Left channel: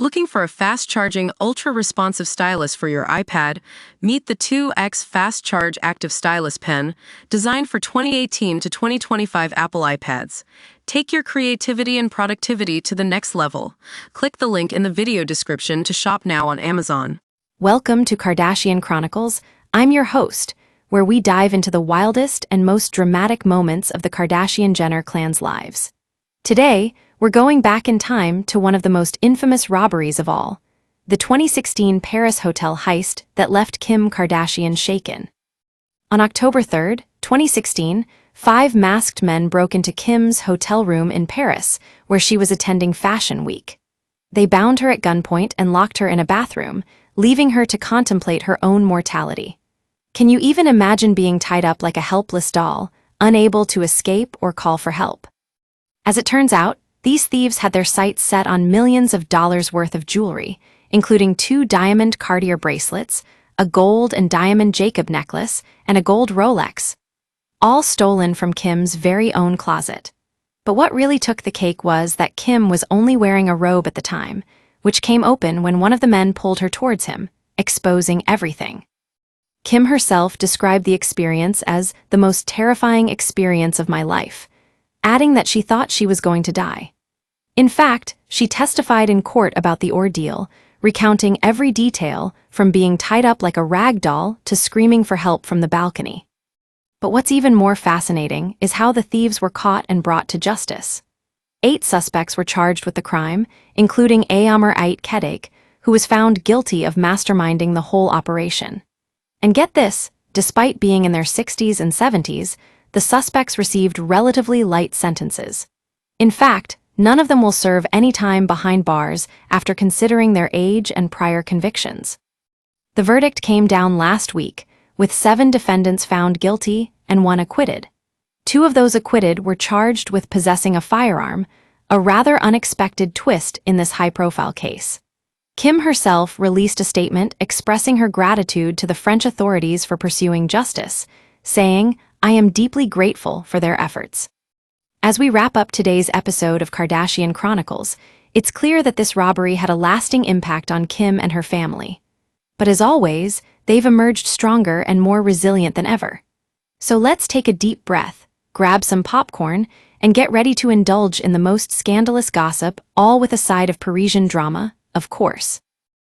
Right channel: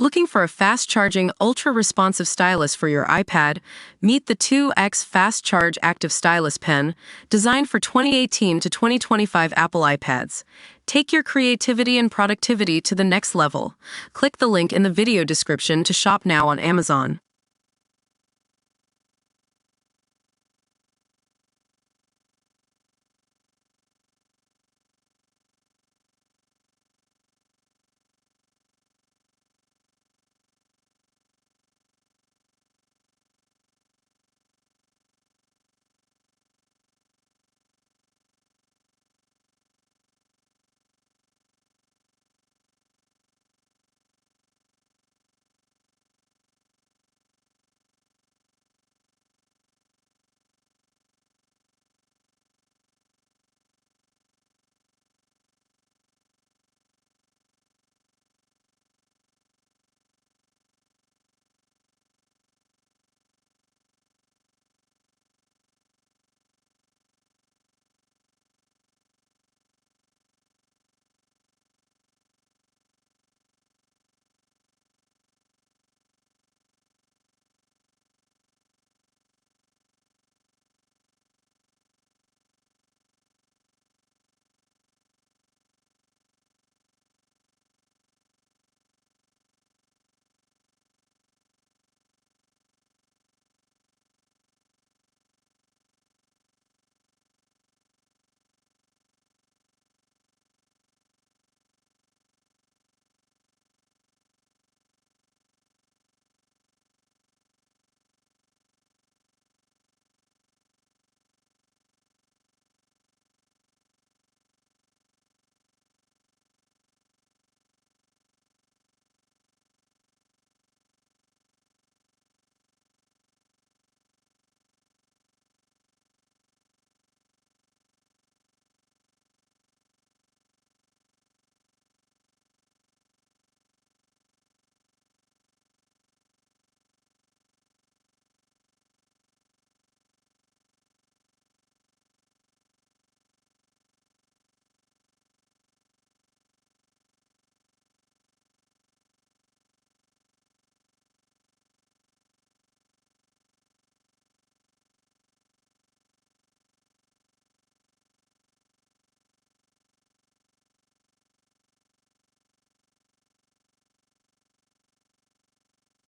Looking for a fast-charging, ultra-responsive stylus for your iPad? Meet the 2X Fast Charge Active Stylus Pen, designed for 2018 to 2025 Apple iPads. Take your creativity and productivity to the next level. Click the link in the video description to shop now on Amazon. Welcome to Kardashian Chronicles. I'm your host, where we dive into the wildest and most dramatic moments of the Kardashian-Jenner clan's lives. Today, we're going back in time to one of the most infamous robberies of all, the 2016 Paris hotel heist that left Kim Kardashian shaken. On October 3, 2016, 5 masked men broke into Kim's hotel room in Paris, where she was attending Fashion Week. They bound her at gunpoint and locked her in a bathroom, leaving her to contemplate her own mortality. Can you even imagine being tied up like a helpless doll, unable to escape or call for help? As it turns out, these thieves had their sights set on millions of dollars worth of jewelry, including 2 diamond Cartier bracelets, a gold and diamond Jacob necklace, and a gold Rolex, all stolen from Kim's very own closet. But what really took the cake was that Kim was only wearing a robe at the time, which came open when one of the men pulled her towards him, exposing everything. Kim herself described the experience as the most terrifying experience of my life, adding that she thought she was going to die. In fact, she testified in court about the ordeal, recounting every detail from being tied up like a rag doll to screaming for help from the balcony. But what's even more fascinating is how the thieves were caught and brought to justice. 8 suspects were charged with the crime, including Aamir Ait Kedek, who was found guilty of masterminding the whole operation. And get this, despite being in their 60s and 70s, the suspects received relatively light sentences. In fact, none of them will serve any time behind bars after considering their age and prior convictions. The verdict came down last week, with 7 defendants found guilty and 1 acquitted. 2 of those acquitted were charged with possessing a firearm, a rather unexpected twist in this high-profile case. Kim herself released a statement expressing her gratitude to the French authorities for pursuing justice, saying, "I am deeply grateful for their efforts." As we wrap up today's episode of Kardashian Chronicles, it's clear that this robbery had a lasting impact on Kim and her family. But as always, they've emerged stronger and more resilient than ever. So let's take a deep breath, grab some popcorn, and get ready to indulge in the most scandalous gossip, all with a side of Parisian drama, of course.